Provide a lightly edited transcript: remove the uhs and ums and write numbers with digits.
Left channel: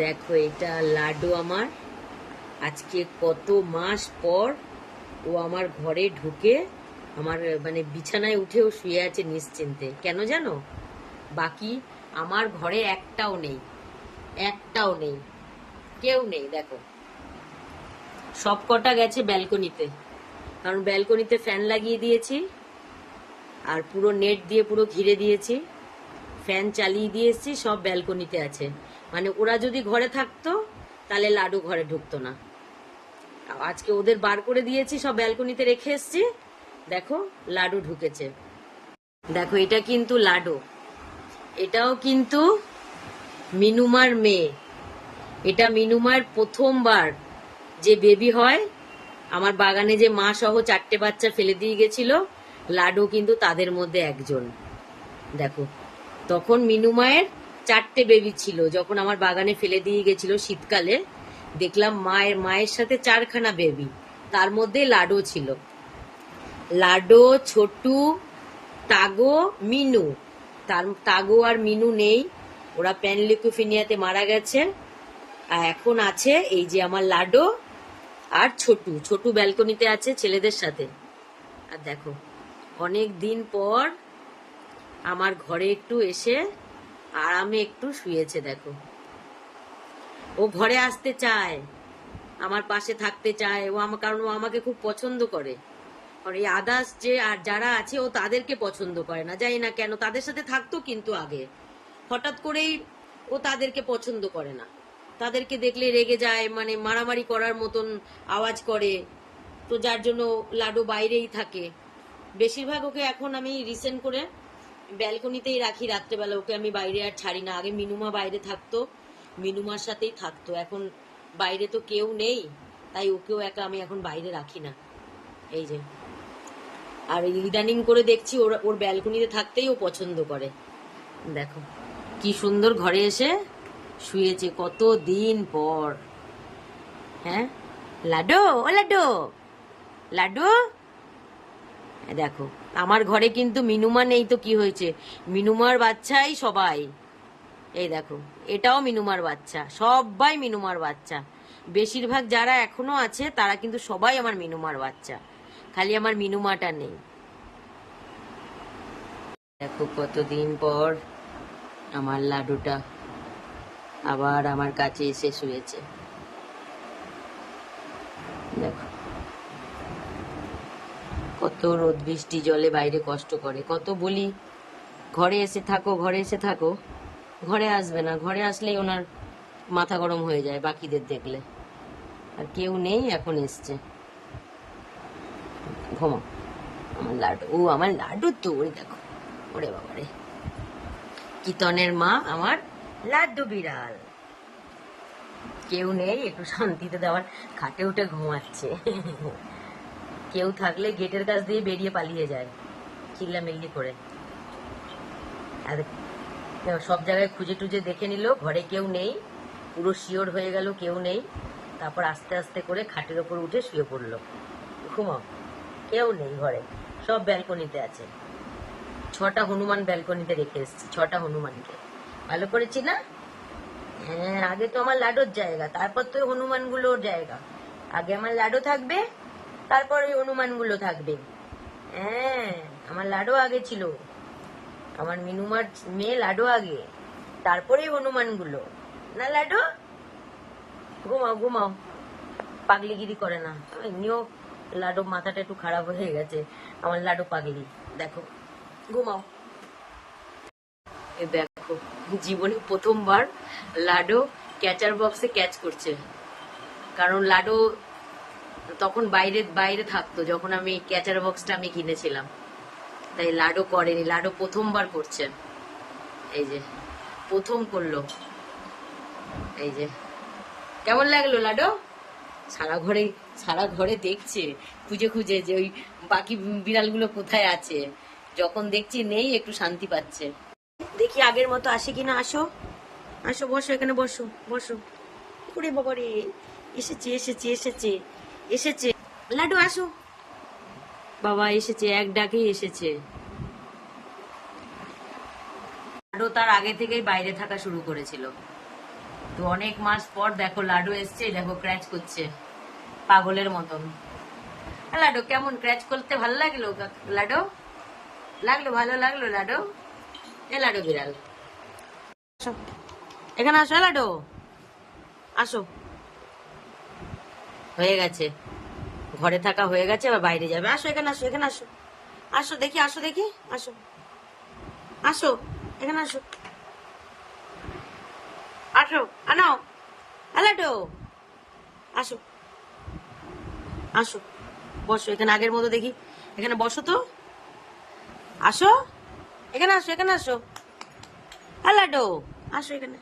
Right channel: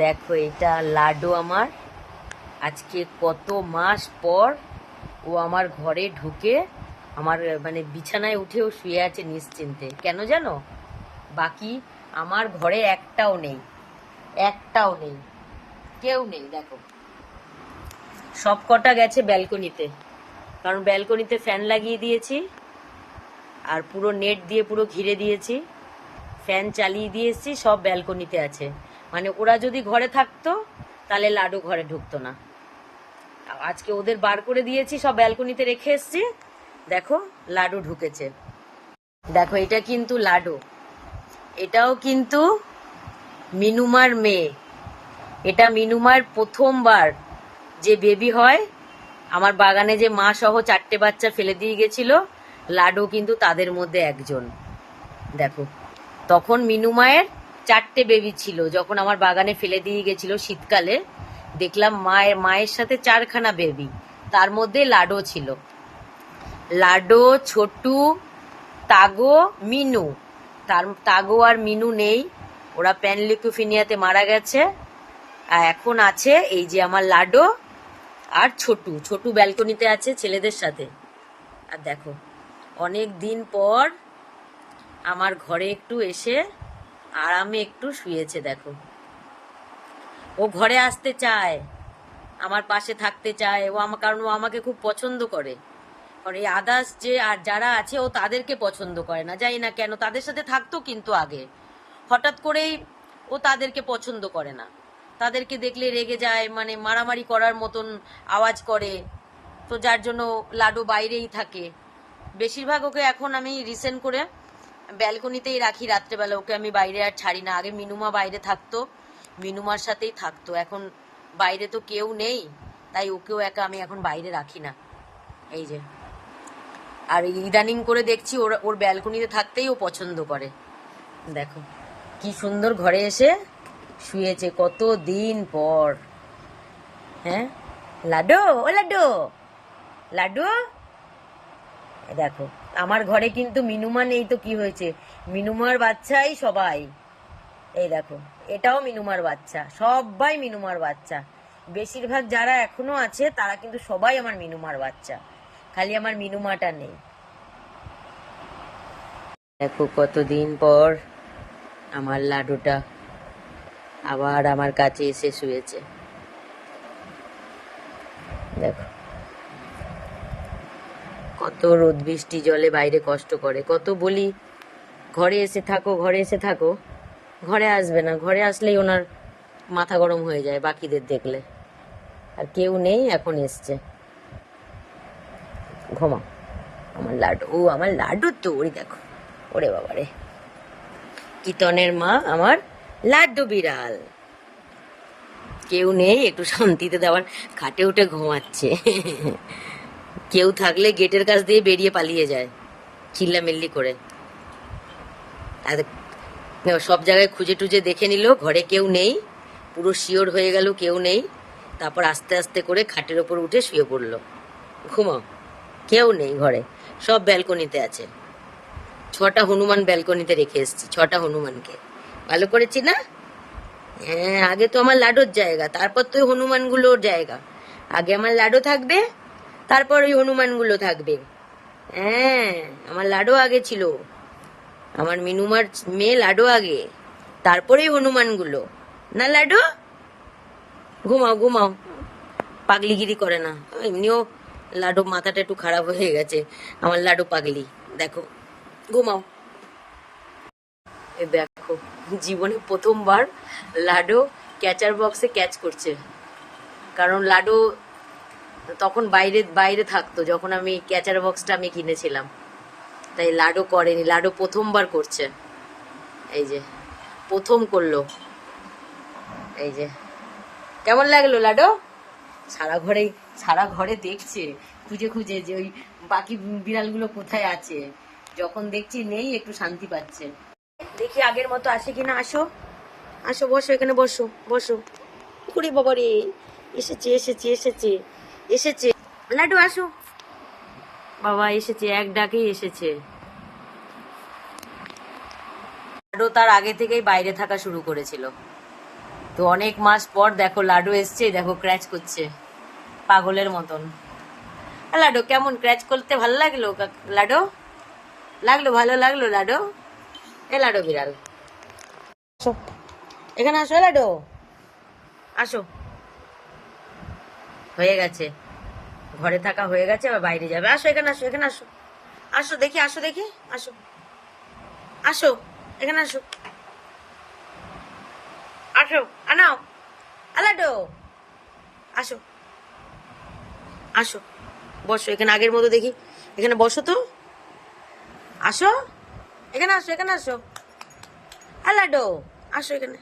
দেখো এটা লাড্ডু আমার। আজকে কত মাস পর ও আমার ঘরে ঢুকে আমার মানে বিছানায় উঠেও শুয়ে আছে নিশ্চিন্তে। কেন জানো? বাকি আমার ঘরে একটাও নেই, একটাও নেই, কেউ নেই। দেখো সব কটা গেছে ব্যালকনিতে, কারণ ব্যালকনিতে ফ্যান লাগিয়ে দিয়েছি আর পুরো নেট দিয়ে পুরো ঘিরে দিয়েছি, ফ্যান চালিয়ে দিয়েছি, সব ব্যালকনিতে আছে। মানে ওরা যদি ঘরে থাকতো তাহলে লাডু ঘরে ঢুকতো না। আজকে ওদের বার করে দিয়েছি, সব ব্যালকনিতে রেখে এসছি। দেখো লাডু ঢুকেছে। দেখো এটা কিন্তু লাডু, এটাও কিন্তু মিনুমার মেয়ে। এটা মিনুমার প্রথমবার যে বেবি হয়। আমার বাগানে যে মা সহ 4টে বাচ্চা ফেলে দিয়ে গেছিল, লাডু কিন্তু তাদের মধ্যে একজন। দেখো তখন মিনুমায়ের 4টে বেবি ছিল, যখন আমার বাগানে ফেলে দিয়ে গেছিল শীতকালে। দেখলাম মায়ের সাথে 4খানা বেবি, তার মধ্যে লাডো ছিল। লাডো, ছোটু, তাগো, মিনু। তাগো আর মিনু নেই, ওরা প্যানলিউকোপিনিয়াতে মারা গেছে। আর এখন আছে এই যে আমার লাডো আর ছোটু। ছোটু ব্যালকনিতে আছে ছেলেদের সাথে। আর দেখো অনেক দিন পর আমার ঘরে একটু এসে আরামে একটু শুয়েছে। দেখো ও ঘরে আসতে চায়, আমার পাশে থাকতে চায় ও আমার, কারণ ও আমাকে খুব পছন্দ করে। আর এই আদার্স যে আর যারা আছে ও তাদেরকে পছন্দ করে না, জানি না কেন। তাদের সাথে থাকতো কিন্তু আগে, হঠাৎ করেই ও তাদেরকে পছন্দ করে না। তাদেরকে দেখলে রেগে যায়, মানে মারামারি করার মতন আওয়াজ করে। তো যার জন্য লাডু বাইরেই থাকে বেশিরভাগ। ওকে এখন আমি রিসেন্ট করে ব্যালকনিতেই রাখি রাত্রেবেলা, ওকে আমি বাইরে আর ছাড়ি না। আগে মিনুমা বাইরে থাকতো, মিনুমার সাথেই থাকতো। এখন বাইরে তো কেউ নেই, তাই ওকেও একা আমি এখন বাইরে রাখি না। এই যে, আর ইদানিং করে দেখছি ওর ব্যালকনিতে থাকতেই ও পছন্দ করে। দেখো কি সুন্দর ঘরে এসে শুয়েছে কত দিন পর। হ্যাঁ লাডু, ও লাডু, লাডু। দেখো আমার ঘরে কিন্তু মিনুমা নেই, তো কি হয়েছে? মিনুমার বাচ্চাই সবাই। এই দেখো এটাও মিনুমার বাচ্চা, সবাই মিনুমার বাচ্চা। বেশিরভাগ যারা এখনো আছে তারা কিন্তু সবাই আমার মিনুমার বাচ্চা, খালি আমার মিনুমাটা নেই। দেখো কতদিন পর আমার লাডুটা আবার আমার কাছে এসে শুয়েছে। দেখো কত রোদ বৃষ্টি জলে বাইরে কষ্ট করে, কত বলি ঘরে এসে থাকো, ঘরে এসে থাকো, ঘরে আসবে না। ঘরে আসলেই ওনার মাথা গরম হয়ে যায় বাকিদের দেখলে। আর কেউ নেই, এখন এসছে। ঘুমাও আমার লাডু। ও আমার লাডু তো, ওই দেখো, ওরে বাবারে, কিতনের মা আমার লাড্ডু বিড়াল। কেউ নেই, একটু শান্তিতে দেওয়ার, খাটে উঠে ঘুমাচ্ছে। কেউ থাকলে গেটের কাছ দিয়ে বেরিয়ে পালিয়ে যায় চিল্লামিল্লি করে। আর সব জায়গায় খুঁজে টুজে দেখে নিল, ঘরে কেউ নেই, পুরো শিওর হয়ে গেল কেউ নেই। তারপর আস্তে আস্তে করে খাটের ওপর উঠে শুয়ে পড়লো। ঘুমাও, কেউ নেই ঘরে, সব ব্যালকনিতে আছে। 6টা হনুমান ব্যালকনিতে রেখে এসেছি, 6টা হনুমানকে। ভালো করেছি না? হ্যাঁ, আগে তো আমার লাডুর জায়গা, তারপর তো ওই হনুমানগুলোর জায়গা। আগে আমার লাডু থাকবে, তারপর ওই হনুমানগুলো থাকবে। হ্যাঁ, আমার লাডু আগে ছিল, আমার মিনুমার মেয়ে লাডু আগে, তারপরেই হনুমানগুলো। না লাডু, ঘুমাও ঘুমাও, পাগলিগিরি করে না। এমনিও লাডু মাথাটা একটু খারাপ হয়ে গেছে, আমার লাডু পাগলি। দেখো ঘুমাও। দেখো জীবনে প্রথমবার লাডু ক্যাচার বক্সে ক্যাচ করছে, কারণ লাডু তখন বাইরে বাইরে থাকতো যখন আমি ক্যাচার বক্সটা আমি কিনেছিলাম, তাই লাডু করেনি। লাডু প্রথমবার করছে, এই যে প্রথম করলো। এই যে কেমন লাগলো লাডু? সারা ঘরে দেখছে খুঁজে খুঁজে যে ওই বাকি বিড়ালগুলো কোথায় আছে। যখন দেখছি নেই, একটু শান্তি পাচ্ছে। দেখি আগের মতো আসে কিনা। আসো আসো, বসো এখানে, বসো বসো। কুড়ি বাবা রে, এসেছে এসেছে এসেছে এসেছে লাডু, আসো বাবা, এসেছে, এক ডাকেই এসেছে। লাডু তার আগে থেকেই বাইরে থাকা শুরু করেছিল। তো অনেক মাস পর দেখো লাডু এসছে, দেখো ক্র্যাচ করছে পাগলের মতন। লাডু কেমন ক্র্যাচ করতে ভালো লাগলো? লাডু লাগলো, ভালো লাগলো লাডু? এ লাডু বিড়াল, আসো এখানে, আসো লাডু, আসো। হয়ে গেছে, ঘরে থাকা হয়ে গেছে, আবার বাইরে যাবে। আসো এখানে, আসো এখানে, আসো, আসো দেখি, আসো দেখি, আসো, আসো এখানে, আসো, আসো, আনাও লাডু, আসো, আসো, বসো এখানে আগের মতো দেখি, এখানে বসো তো, আসো এখানে, আসো এখানে, আসো লাডু, আসো এখানে।